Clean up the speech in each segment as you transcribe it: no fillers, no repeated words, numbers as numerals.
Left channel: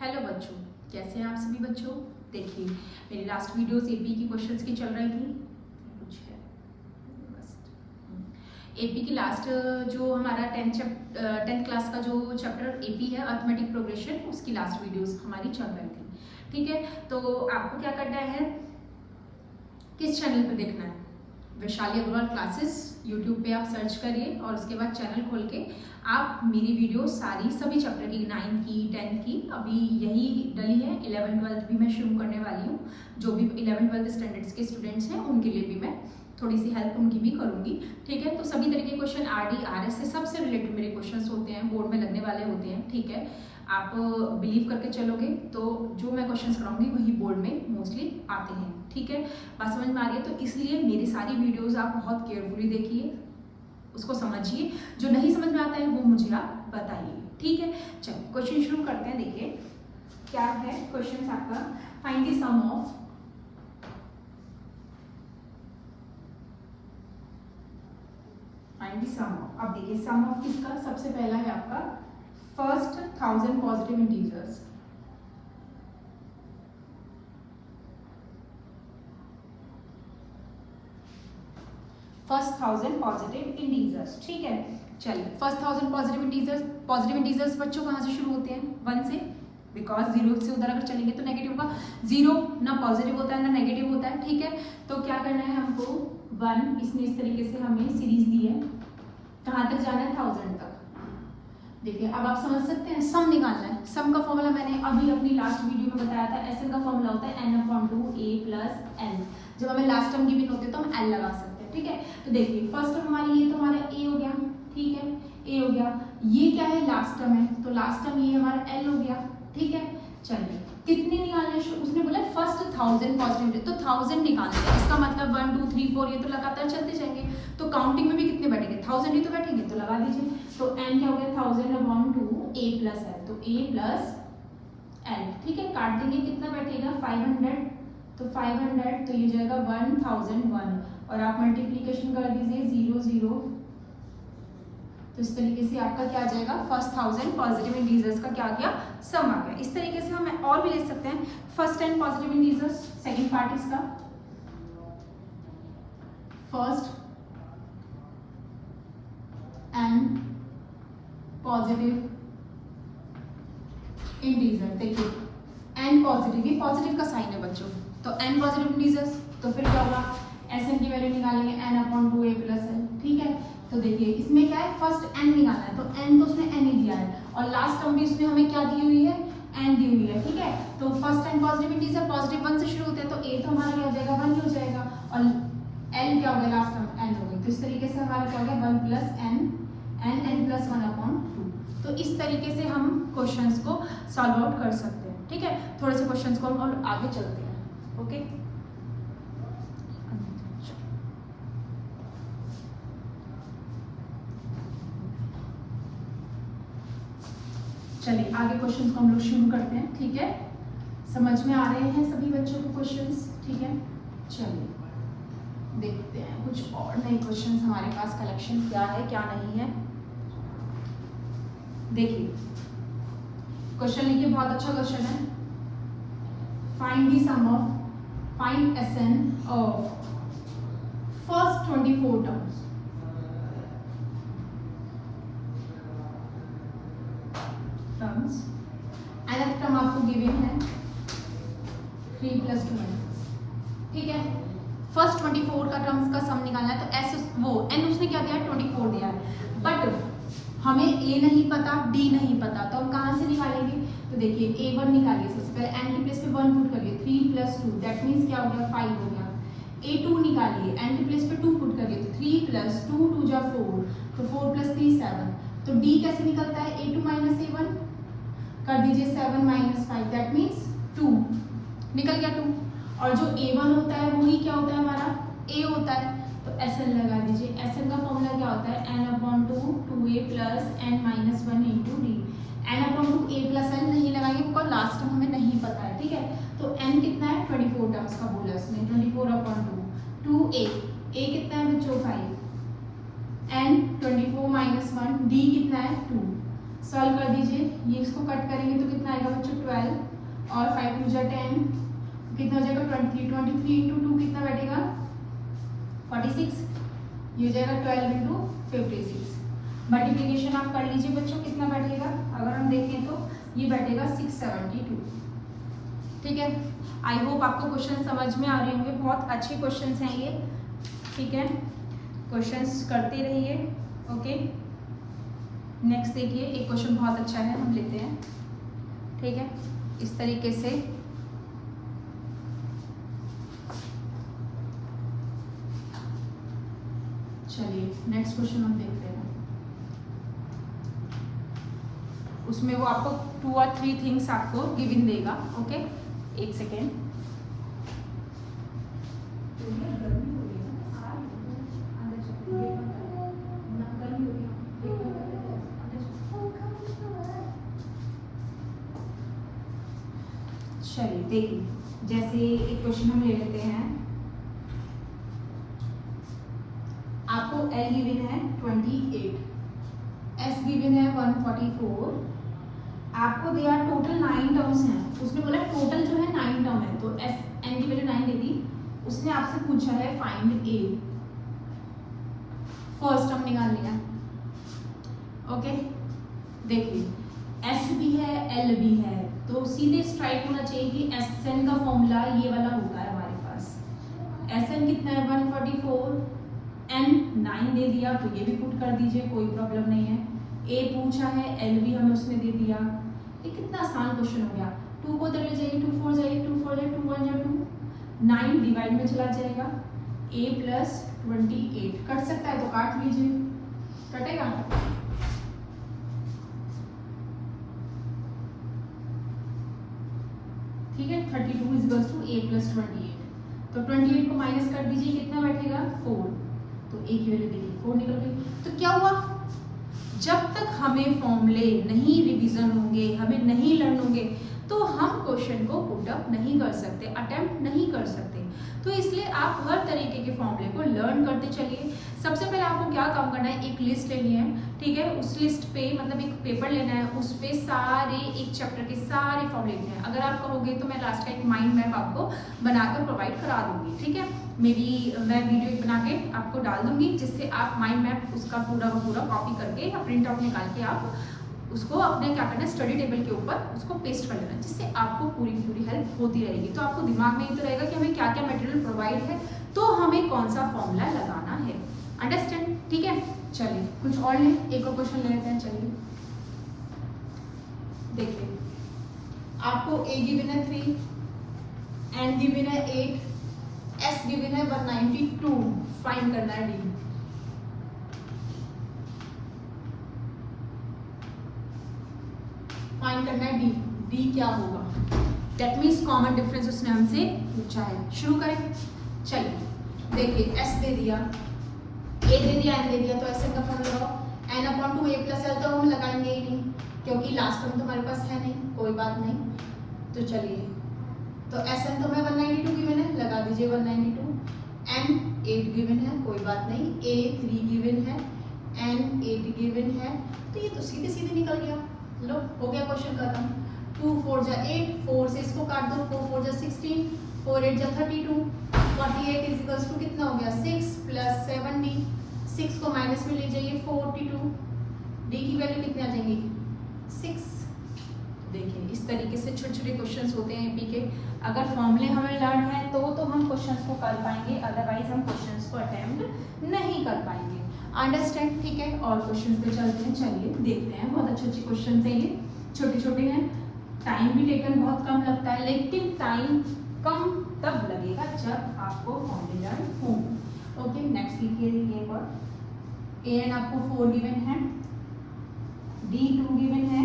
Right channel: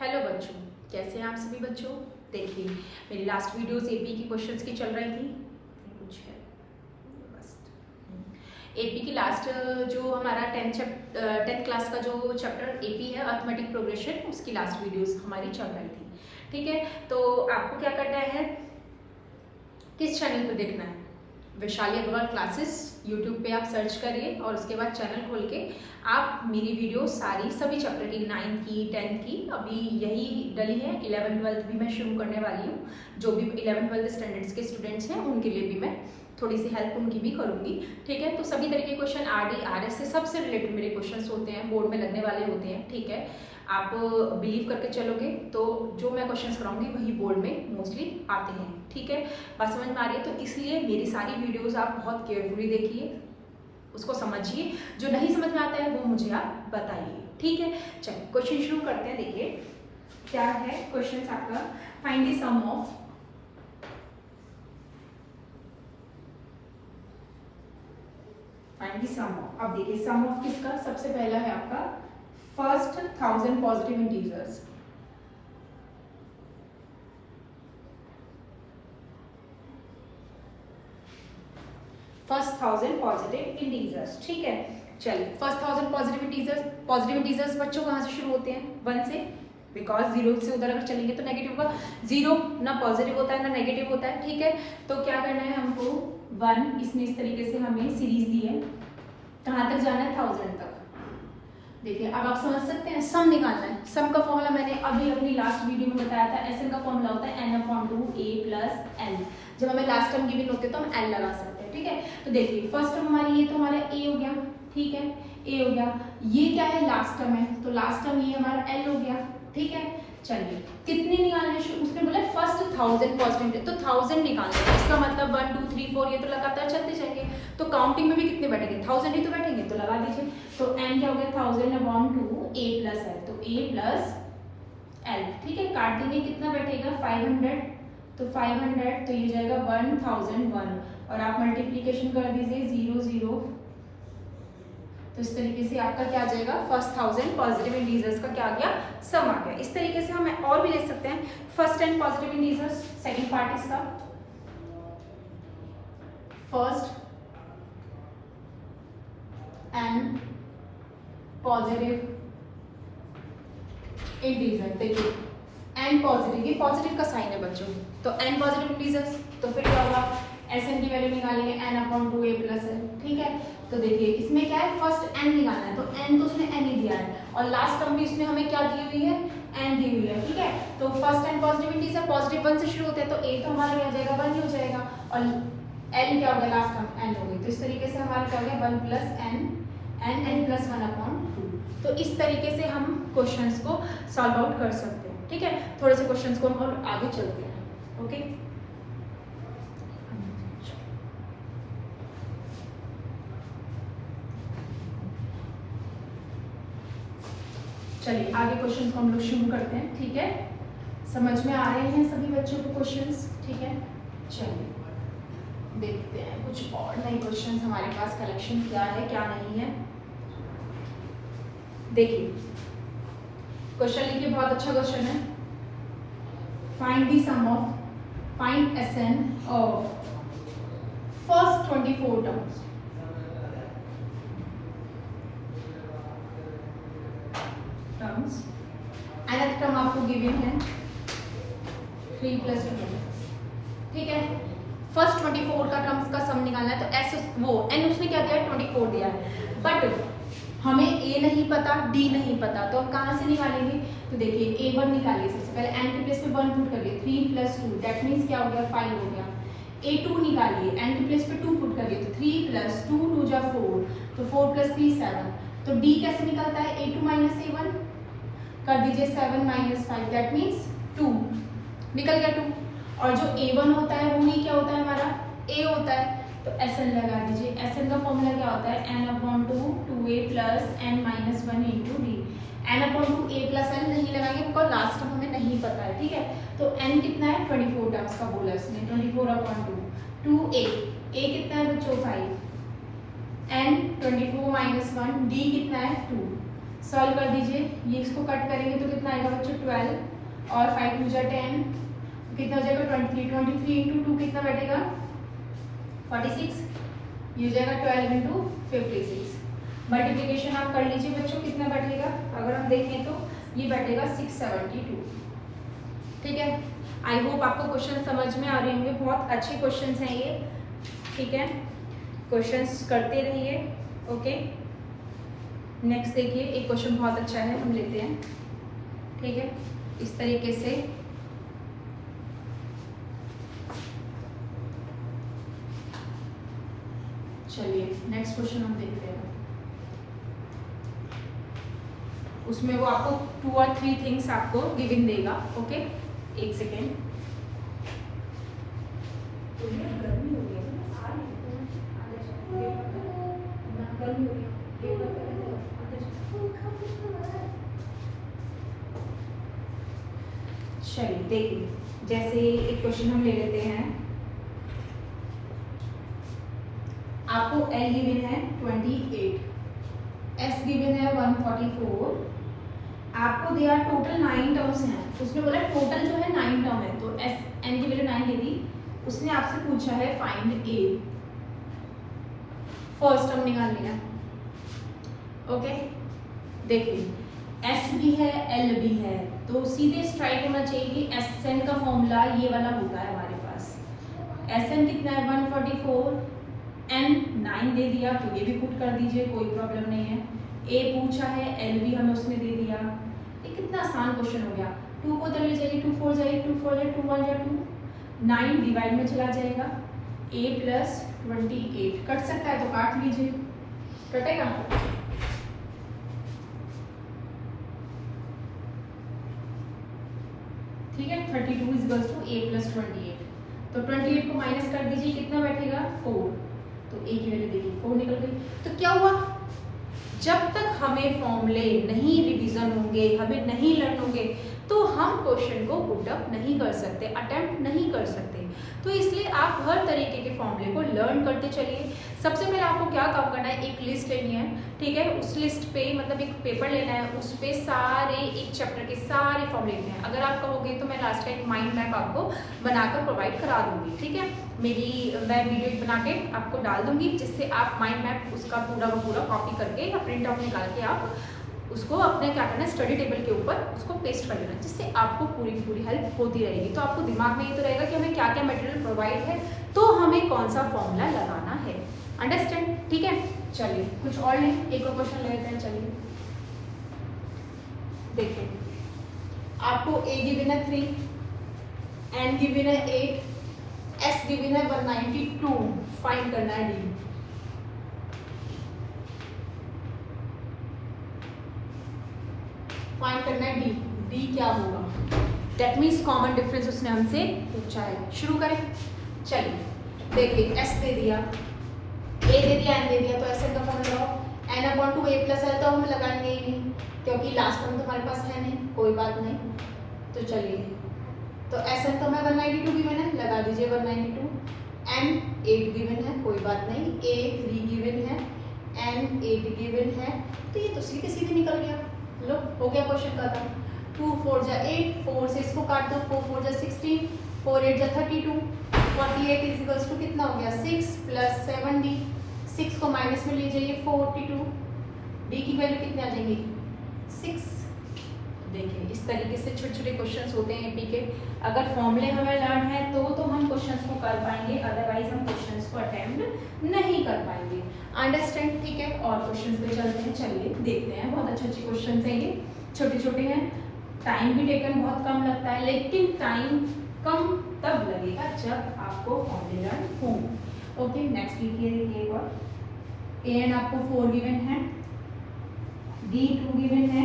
Hello बच्चों, कैसे हैं आप सभी बच्चों। देखिए, मेरी लास्ट वीडियोस एपी की क्वेश्चंस की चल रही थी। कुछ है बस एपी की लास्ट जो हमारा 10th क्लास का जो चैप्टर एपी है अर्थमेटिक प्रोग्रेशन, उसकी लास्ट वीडियोस हमारी चल रही थी। ठीक है, तो आपको क्या करना है, किस चैनल पर देखना है, वैशाली अग्रवाल क्लासेस यूट्यूब पे आप सर्च करिए और उसके बाद चैनल खोल के आप मेरी वीडियो सारी सभी चैप्टर की 9 की 10 की अभी यही डली है। 11 12 भी मैं शुरू करने वाली हूँ। जो भी 11 12 स्टैंडर्ड्स के स्टूडेंट्स हैं उनके लिए भी मैं थोड़ी सी हेल्प उनकी भी करूँगी। ठीक है, तो सभी तरह के क्वेश्चन आरडी आरएस से सबसे रिलेटेड मेरे क्वेश्चन होते हैं, बोर्ड में लगने वाले होते हैं। ठीक है, आप बिलीव करके चलोगे तो जो मैं क्वेश्चन कराऊंगी वही बोर्ड में मोस्टली आते हैं। ठीक है, बात समझ में आ रही है। तो इसलिए मेरी सारी वीडियोस आप बहुत केयरफुली देखिए, उसको समझिए, जो नहीं समझ में आता है वो मुझे आप बताइए। ठीक है, चलिए क्वेश्चन शुरू करते हैं। देखिए क्या है क्वेश्चन आपका, फाइंड द सम ऑफ अब देखिए सम ऑफ किसका, सबसे पहला है आपका first 1000 positive integers. First 1000 positive integers. ठीक है, चलिए फर्स्ट 1000 पॉजिटिव इंटीजर्स बच्चों कहाँ से शुरू होते हैं, 1 से, बिकॉज 0 से उधर अगर चलेंगे तो नेगेटिव होगा। 0 ना पॉजिटिव होता है ना नेगेटिव होता है। ठीक है, तो क्या करना है हमको, 1 इसने इस तरीके से हमें सीरीज दी है, कहाँ तक जाना है 1000 तक। देखिए अब आप समझ सकते हैं, सम निकालना है। सम का फॉर्मूला मैंने अभी अपनी लास्ट वीडियो में बताया था, एसएन का फॉर्मूला होता है n/2 a + n। जब हमें लास्ट टर्म गिवन होते हैं तो हम n लगा सकते हैं। ठीक है, तो देखिए फर्स्ट टर्म हमारी ये तो हमारा a हो गया। ठीक है, a हो गया, ये क्या है लास्ट टर्म है, तो लास्ट टर्म ये हमारा l हो गया। ठीक है, चलिए कितने निकालना है, उसने बोला फर्स्ट 1000 पॉजिटिव, तो 1000 निकालना है। इसका मतलब 1 2 3 4 ये तो लगातार चलते जाएंगे, तो काउंटिंग में भी कितने बैठेंगे, 1000 ही तो बैठेंगे, तो लगा दीजिए। तो n क्या हो गया 1000/2 a + l, तो a + l। ठीक है, काट देंगे, कितना बैठेगा 500, तो 500 तो ये जाएगा 1001, और आप मल्टीप्लीकेशन कर दीजिए 0 0, तो इस तरीके से आपका क्या आ जाएगा, फर्स्ट 1000 पॉजिटिव इंटीजर्स का क्या आ गया, सम आ गया। इस तरीके से हम और भी ले सकते हैं, first 10 positive integers, second part इसका फर्स्ट एंड पॉजिटिव इंटीजर। देखिए एन पॉजिटिव, ये पॉजिटिव का साइन है बच्चों, तो एन पॉजिटिव इंटीजर्स, तो फिर क्या होगा, एस एन की वैल्यू निकालेंगे n/2 a + l। ठीक है, तो देखिए इसमें क्या है, फर्स्ट n निकालना है, तो n तो उसने n ही दिया है, और लास्ट टर्म भी उसने हमें क्या दी हुई है, n दी हुई है। ठीक है, तो first n positive integer positive 1 से शुरू होते हैं, तो a तो हमारा क्या हो जाएगा 1 ही हो जाएगा, और l क्या हो गया लास्ट टर्म n हो गई, तो इस तरीके से हमारा क्या हो गया 1 + n + 1/2। तो इस तरीके से हम क्वेश्चंस को सॉल्व आउट कर सकते हैं। ठीक है, थोड़े से क्वेश्चंस को हम आगे चलते हैं। ओके, चलिए आगे क्वेश्चंस को हम लोग शुरू करते हैं। ठीक है, समझ में आ रहे हैं सभी बच्चों को क्वेश्चंस। ठीक है, चलिए देखते हैं कुछ और नए क्वेश्चंस हमारे पास कलेक्शन क्या है क्या नहीं है। देखिए क्वेश्चन लिखिए, बहुत अच्छा क्वेश्चन है। Find the sum of, find S N of first 24 terms. nth term आपको गिवन है 3 + 2। ठीक है, फर्स्ट 24 का टर्म्स का सम निकालना है, तो एस वो n उसने क्या दिया है 24 दिया है, बट हमें a नहीं पता d नहीं पता, तो हम कहाँ से निकालेंगे, तो देखिए a1 निकालिए, सबसे पहले n के प्लेस पे 1 पुट करिए, 3 + 2 दैट मीन्स क्या हो गया 5 हो गया। a2 निकालिए, n के प्लेस पे 2 पुट करिए, तो 3 + 2 2 जा 4, तो 4 + 3 7, तो d कैसे निकलता है, a2 - a1 कर दीजिए, 7 - 5 दैट मीन्स 2, निकल गया 2, और जो a1 होता है वो ही क्या होता है हमारा a होता है, तो Sn लगा दीजिए। Sn का फॉर्मूला क्या होता है, n/2 2a + n - 1 × d। n/2 a + n नहीं लगाएंगे बिकॉज लास्ट टर्म हमें नहीं पता है। ठीक है, तो n कितना है 24 टर्म्स का बोला इसने, 24/2 2a, a कितना है बच्चों 5, n 24 - 1, d कितना है 2, सॉल्व कर दीजिए, ये इसको कट करेंगे तो कितना आएगा बच्चों 12 और 5 टू जा 10, कितना हो जाएगा 23, 23 इंटू 2 कितना बैठेगा 46, ये हो जाएगा 12 इंटू 56। मल्टीप्लिकेशन आप कर लीजिए बच्चों, कितना बैठेगा अगर हम देखें तो ये बैठेगा 672। ठीक है, आई होप आपको क्वेश्चन समझ में आ रहे होंगे, बहुत अच्छे क्वेश्चंस हैं ये। ठीक है, क्वेश्चंस करते रहिए। ओके, नेक्स्ट देखिए, एक क्वेश्चन बहुत अच्छा है, हम लेते हैं। ठीक है, इस तरीके से चलिए नेक्स्ट क्वेश्चन हम देखते हैं। उसमें वो आपको 2 और 3 थिंग्स आपको गिवन देगा। ओके, एक सेकेंड। चलिए देखिए, जैसे एक क्वेश्चन हम ले लेते हैं, आपको L गिवन है 28, S गिवन है 144, आपको दिया टोटल 9 टर्म्स हैं, उसने बोला टोटल जो है 9 टर्म है, तो S N की वैल्यू 9 दे दी, उसने आपसे पूछा है फाइंड A, फर्स्ट टर्म निकालनी है। ओके, देखिए S भी है L भी है, तो सीधे स्ट्राइट होना चाहिए कि SN का फॉर्मूला ये वाला होता है हमारे पास। SN कितना है 144, N 9 दे दिया तो ये भी पुट कर दीजिए, कोई प्रॉब्लम नहीं है। A पूछा है, L भी हमें उसने दे दिया। ये कितना आसान क्वेश्चन हो गया। 2 को उधर ले जाइए, 2 4 जाइए, 2 4 जाइए, 2 1 जा 2, 9 डिवाइड में चला जाएगा, A प्लस 28 कट सकता है तो काट लीजिए, कटेगा। ठीक है, 32 is equals to A plus 28, तो 28 को माइनस कर दीजिए, कितना बैठेगा 4, तो A की वैल्यू देखिए 4 निकल गई। तो क्या हुआ, जब तक हमें फॉर्मूले नहीं रिवीजन होंगे, हमें नहीं लर्न होंगे, तो हम क्वेश्चन को पुट अप नहीं कर सकते, अटेम्प्ट नहीं कर सकते। तो इसलिए आप हर तरीके के फॉर्मूले को लर्न करते चलिए। सबसे पहले आपको क्या काम करना है, एक लिस्ट लेनी है। ठीक है, उस लिस्ट पे मतलब एक पेपर लेना है, उस पे सारे एक चैप्टर के सारे फॉर्मूले लेने हैं। अगर आप कहोगे तो मैं लास्ट टाइम माइंड मैप आपको बनाकर प्रोवाइड करा दूंगी। ठीक है, मैं वीडियो बना के आपको डाल दूंगी, जिससे आप माइंड मैप उसका पूरा का पूरा कॉपी करके या प्रिंट आउट निकाल के आप उसको अपने क्या करना है, स्टडी टेबल के ऊपर उसको पेस्ट कर लेना, जिससे आपको पूरी की पूरी हेल्प होती रहेगी। तो आपको दिमाग में ये तो रहेगा कि हमें क्या क्या मटेरियल प्रोवाइड है, तो हमें कौन सा फॉर्मूला लगाना है। अंडरस्टैंड? ठीक है, चलिए कुछ और लें, एक और क्वेश्चन ले लेते हैं। चलिए देखिए, आपको A गिवन है 3, N गिवन है 8, S गिवन है 192, फाइंड करना है D। फाइंड करना है D क्या होगा, दैट मीन्स कॉमन डिफरेंस उसने हमसे पूछा है। शुरू करें, चलिए देखिए, S दे दिया, A दे दिया, N दे दिया, तो ऐसे का फॉर्मूला लगाओ, N upon 2 A plus L, तो हम लगाएंगे ही नहीं क्योंकि लास्ट टर्म तो हमारे पास है नहीं, कोई बात नहीं। तो चलिए, तो SN तो हमें 192 गिवन है, लगा दीजिए 192, N 8 गिवन है, कोई बात नहीं, A 3 गिवन है, N 8 गिवन है, तो ये तो सीधे सीधे निकल गया। लो, हो गया क्वेश्चन खत्म। 2 4 जा 8, 4 से इसको काट दो, 4 4 जा 16, 4 8 जा 32, 48 इज इक्वल्स टू कितना हो गया 6 प्लस 7D, 6 को माइनस में ले जाइए 42, D की वैल्यू कितनी आ जाएगी 6। देखिए, इस तरीके से छोटे छोटे क्वेश्चंस होते हैं एपी के। अगर फॉर्मूले हमें लर्न है तो हम क्वेश्चंस को कर पाएंगे, अदरवाइज हम क्वेश्चंस को अटेम्प्ट नहीं कर पाएंगे। अंडरस्टैंड? ठीक है, और क्वेश्चंस पे चलते हैं। चलिए देखते हैं, बहुत अच्छे अच्छे क्वेश्चंस हैं ये, छोटे छोटे हैं, टाइम भी टेकन बहुत कम लगता है, लेकिन टाइम कम तब लगेगा जब आपको फॉर्मूले लर्न हो। ओके, नेक्स्ट लिखिए, एक और AN आपको 4 गिवन है, D 2 गिवन है,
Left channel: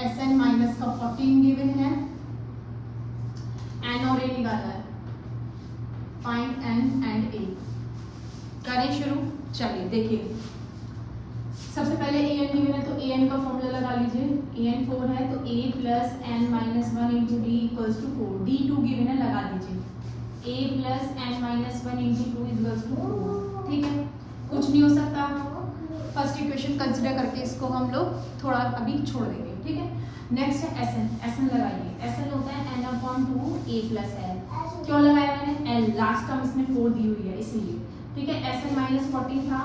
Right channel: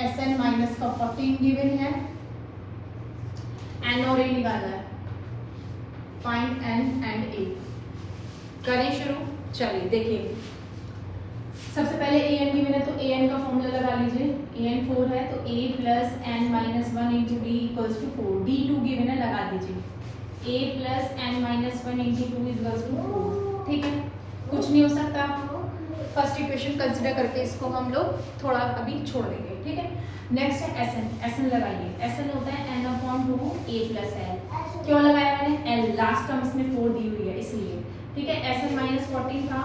SN माइनस का 14 गिवन है, N और A निकालना है, फाइंड N एंड A। करें शुरू। चलिए देखिए, सबसे पहले AN गिवन है तो AN का फॉर्मूला लगा लीजिए, AN 4 है तो A plus N minus 1 into D equals to 4, D 2 given है, लगा दीजिए, A plus N minus 1 into 2 equals to 4। ठीक है, कुछ नहीं हो सकता, फर्स्ट इक्वेशन कंसिडर करके इसको हम लोग थोड़ा अभी छोड़ देंगे, ठीक है। नेक्स्ट है एस एन। एस एन लगाइए, एस एन होता है n/2 a+n। क्यों लगाया मैंने, एल लास्ट टर्म इसमें 4 दी हुई है इसलिए, ठीक है। एस एन -40 था,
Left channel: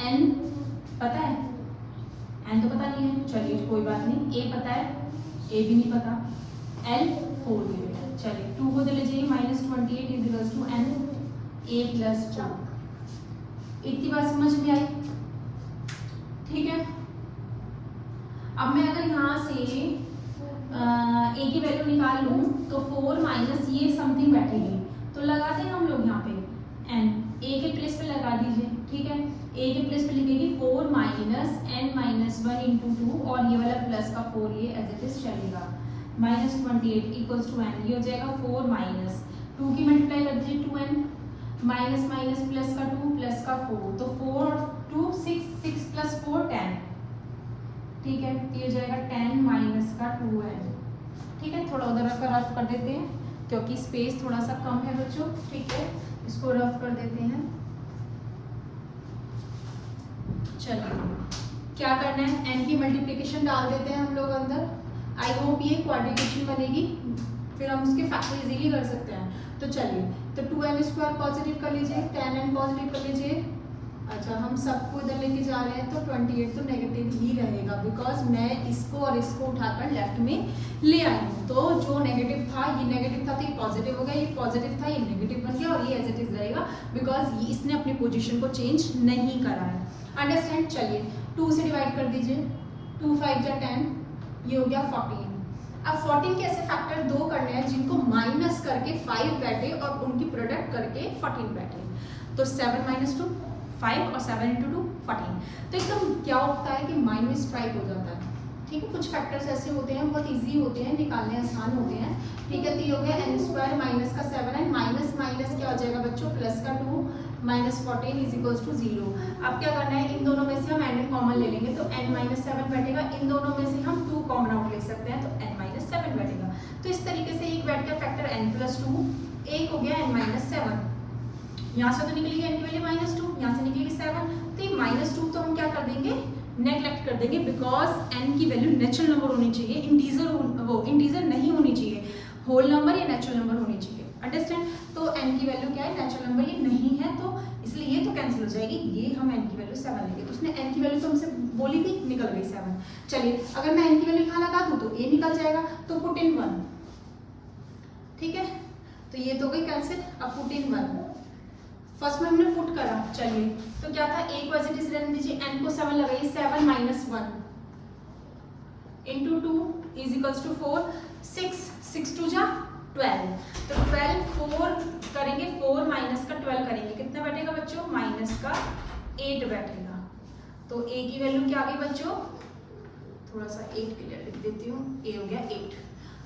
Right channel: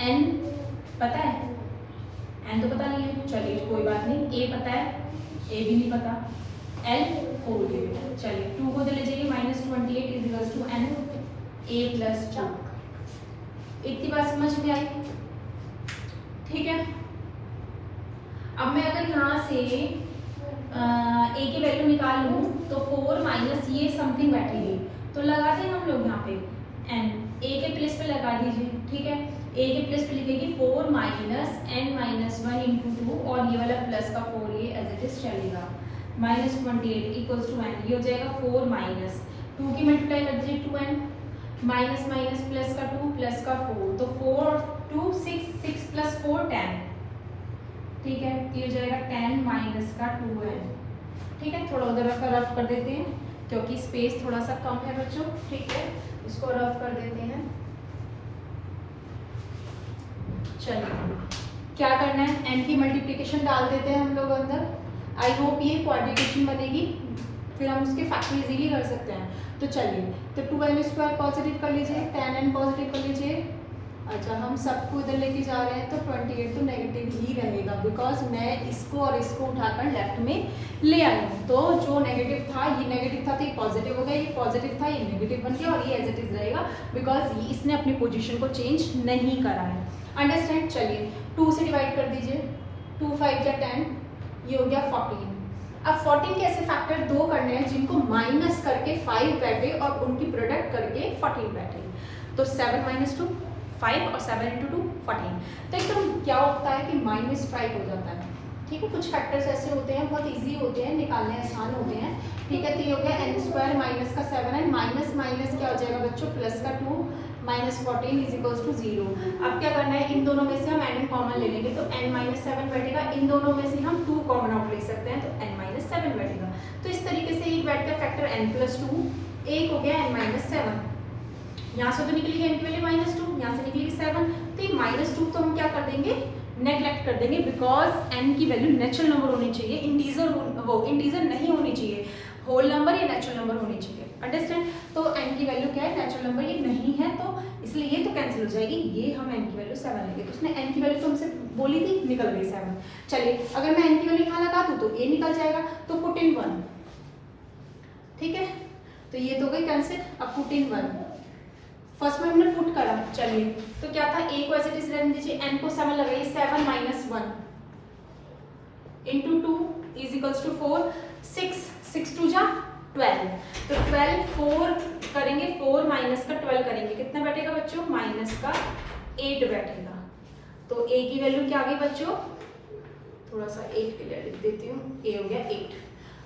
एन पता है, एन तो पता नहीं है, चलिए कोई बात नहीं, ए पता है, ए भी नहीं पता, एल 4 दी हुई है, चलिए 2 को ले लीजिए, -28 = n a+2। इतनी बात समझ में आई, ठीक है। अब मैं अगर यहाँ से ए की वैल्यू निकाल लूँ तो 4 माइनस ये समथिंग बैठेगी, तो लगा दें हम लोग यहाँ पे n, ए के प्लेस पे लगा दीजिए, ठीक है। ए के प्लेस पे लिखेगी 4 - n - 1 × 2 और ये वाला प्लस का 4 ये एज इट इज चलेगा, -28 = n। ये हो जाएगा 4 माइनस 2 की मल्टीप्लाई कर दीजिए 2n, माइनस माइनस प्लस का 2 प्लस का 4, तो 4 और 2 6, 6 + 4 10, ठीक है। ये हो जाएगा 10 माइनस का 2n, ठीक है। थोड़ा उधर का रफ कर देते हैं क्योंकि स्पेस थोड़ा सा कम है बच्चों, ठीक है, इसको रफ कर देते हैं। चलिए क्या करना है, n की मल्टीप्लिकेशन डाल देते हैं हम लोग अंदर। आई होप ये क्वाड्रिकेशन बनेगी, फिर हम उसके फैक्टर इजीली कर सकते हैं। तो चलिए, तो 2n² पॉजिटिव कर लीजिए, 10n पॉजिटिव कर लीजिए। अच्छा, हम सबको इधर लेके जा रहे हैं तो 28 तो नेगेटिव ही रहेगा, बिकॉज मैं इसको और इसको उठाकर लेफ्ट में ले आई हूँ। तो जो नेगेटिव था ये नेगेटिव था, तो ये पॉजिटिव हो गया, ये पॉजिटिव था ये नेगेटिव बन गया, और ये एज इट इज रहेगा बिकॉज इसने अपनी पोजीशन को चेंज नहीं करा है। अंडरस्टैंड। चलिए 2 से डिवाइड कर दीजिए, 2 × 5 = 10, ये हो गया 14। अब 14 के ऐसे फैक्टर 2 करने हैं जिनको माइनस करके 5 बैठे और उनकी प्रोडक्ट करके 14 बैठे। तो 7 - 2 5 और 7 × 2 14। तो एकदम क्या होता है कि माइंड स्ट्राइक हो जाता है, ठीक है। कुछ फैक्टर्स ऐसे होते हैं, बहुत इजी होते हैं, निकालने आसान होते हैं, ठीक है। तो ये हो गया n² माइनस का 7n, माइनस माइनस क्या हो जाएगा बच्चों, प्लस का 2 -14 = 0। अब क्या करना है, इन दोनों में से हम n कॉमन ले लेंगे, तो n - 7 बैठेगा। इन दोनों में से हम 2 कॉमन आउट ले सकते हैं, तो n - 7 बैठेगा। तो इस तरीके से एक बैठ का फैक्टर n+2, एक हो गया n - 7। यहाँ से तो निकलेगी n की वैल्यू -2, यहाँ से निकलेगी 7, तो ये -2 तो हम क्या कर देंगे, नेगलेक्ट कर देंगे, बिकॉज n की वैल्यू नेचुरल नंबर होनी चाहिए, इंटीजर नहीं होनी चाहिए, होल नंबर या नेचुरल नंबर होनी चाहिए। अंडरस्टैंड। तो n की वैल्यू क्या है, नेचुरल नंबर ये नहीं है, तो इसलिए ये तो कैंसिल हो जाएगी, ये हम n की वैल्यू 7 लेंगे। तो उसने n की वैल्यू तो हमसे बोली थी, निकल गई 7। चलिए अगर मैं n की वैल्यू यहाँ लगा दूँ तो ये निकल जाएगा, तो पुट इन 1, ठीक है। तो ये तो गई कैंसिल। अब पुट इन 1, फर्स्ट में हमने पुट करा, चलिए तो क्या था, a को एज इट इज रहने दीजिए, n को 7 लगाइए, 7 - 1 × 2 = 4, 6 × 2 = 12। तो 12 4 करेंगे, 4 माइनस का 12 करेंगे, कितने बैठेगा बच्चों, माइनस का 8 बैठेगा। तो a की वैल्यू क्या आ गई बच्चों, थोड़ा सा 8 के लिए लिख देती हूँ, a हो गया 8,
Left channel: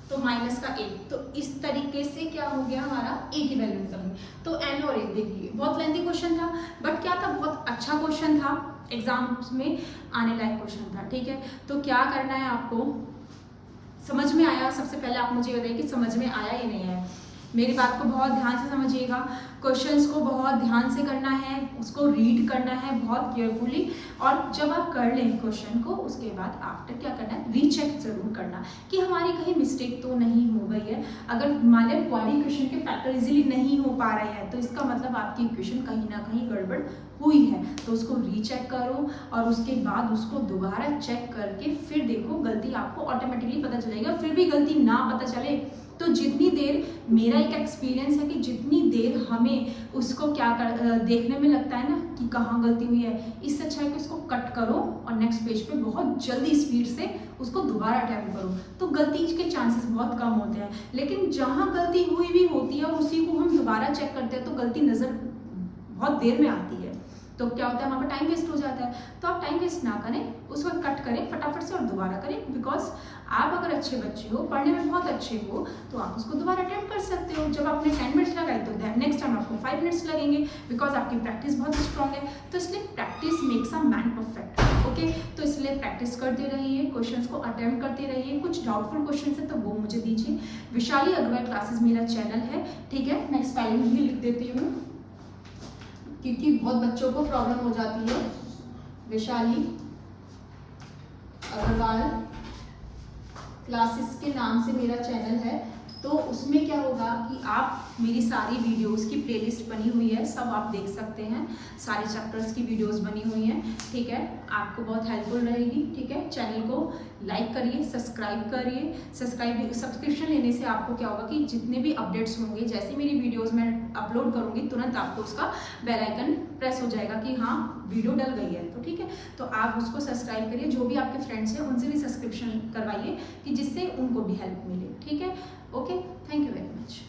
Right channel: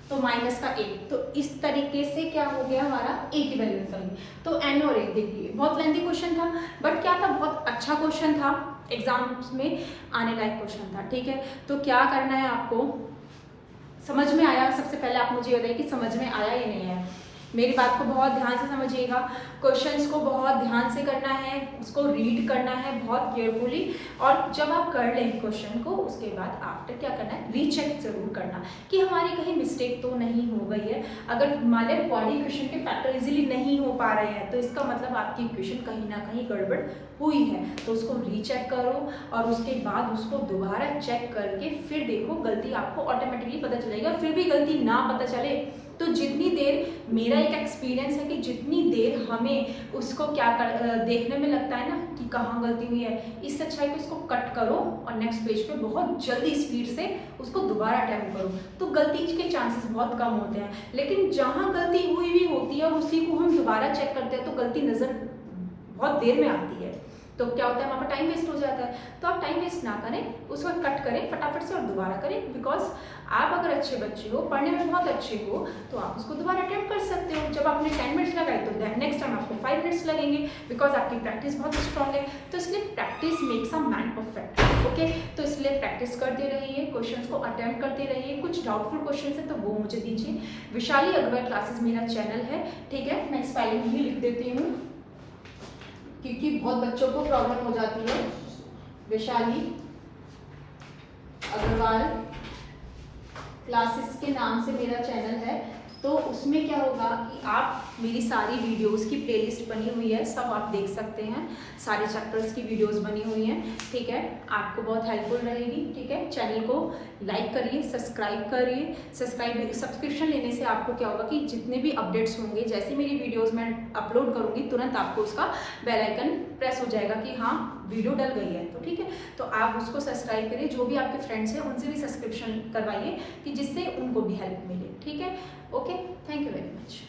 तो माइनस का 8। तो इस तरीके से क्या हो गया हमारा, a की वैल्यू निकली। तो n और 1 देखिए, बहुत लेंथी क्वेश्चन था, बट क्या था, बहुत अच्छा क्वेश्चन था, एग्जाम्स में आने लायक क्वेश्चन था, ठीक है। तो क्या करना है आपको, समझ में आया, सबसे पहले आप मुझे ये बताइए कि समझ में आया या नहीं आया। मेरी बात को बहुत ध्यान से समझिएगा, क्वेश्चंस को बहुत ध्यान से करना है, उसको रीड करना है बहुत केयरफुली, और जब आप कर लें क्वेश्चन को उसके बाद आफ्टर क्या करना है, रीचेक जरूर करना कि हमारी कहीं मिस्टेक तो नहीं हो गई है। अगर मान लें बॉडी इक्वेशन के फैक्टर इजीली नहीं हो पा रहे हैं तो इसका मतलब आपकी इक्वेशन कहीं ना कहीं गड़बड़ हुई है, तो उसको रीचेक करो और उसके बाद उसको दोबारा चेक करके फिर देखो, गलती आपको ऑटोमेटिकली पता चलेगा। फिर भी गलती ना पता चले तो जितनी देर, मेरा एक एक्सपीरियंस है कि जितनी देर हमें उसको क्या देखने में लगता है ना कि कहाँ गलती हुई है, इससे अच्छा है कि उसको कट करो और नेक्स्ट पेज पे बहुत जल्दी स्पीड से उसको दोबारा अटैम्प्ट करो, तो गलती के चांसेस बहुत कम होते हैं। लेकिन जहाँ गलती हुई भी होती है और उसी को हम दोबारा चेक करते हैं तो गलती नज़र बहुत देर में आती है, तो क्या होता है, वहाँ पर टाइम वेस्ट हो जाता है। तो आप टाइम वेस्ट ना करें, उसको कट करें फटाफट से और दोबारा करें, बिकॉज आप अगर अच्छे बच्चे हो, पढ़ने में बहुत अच्छे हो, तो आप उसको दोबारा अटेम्प्ट कर सकते हो। जब आपने 10 मिनट्स लगाई तो नेक्स्ट टाइम आपको 5 मिनट्स लगेंगे, बिकॉज आपकी प्रैक्टिस बहुत स्ट्रॉन्ग है। तो इसलिए practice makes a man perfect, okay. तो इसलिए प्रैक्टिस करते रहिए, क्वेश्चंस को अटेम्प्ट करते रहिए। कुछ डाउटफुल क्वेश्चन है तो वो मुझे दीजिए। विशाली अग्रवाल क्लासेस मेरा चैनल है, ठीक है। मैं स्पेलिंग भी लिख देती हूँ क्योंकि बहुत बच्चों को प्रॉब्लम हो जाती है। वैशाली अग्रवाल क्लासेस के नाम से मेरा चैनल है। तो उसमें क्या होगा कि आप मेरी सारी वीडियोस की प्लेलिस्ट बनी हुई है, सब आप देख सकते हैं, सारे चैप्टर्स की वीडियोस बनी हुई हैं, ठीक है। आपको बहुत हेल्पफुल रहेगी, ठीक है। चैनल को लाइक करिए, सब्सक्राइब करिए। सब्सक्रिप्शन लेने से आपको क्या होगा कि जितने भी अपडेट्स होंगे, जैसे मेरी वीडियोस मैं अपलोड करूँगी तुरंत आपको उसका बेल आइकन प्रेस हो जाएगा कि हाँ वीडियो डल गई है, तो ठीक है। तो आप उसको सब्सक्राइब करिए, जो भी आपके फ्रेंड्स हैं उनसे भी सब्सक्रिप्शन करवाइए कि जिससे उनको भी हेल्प मिले, ठीक है। Okay, thank you very much.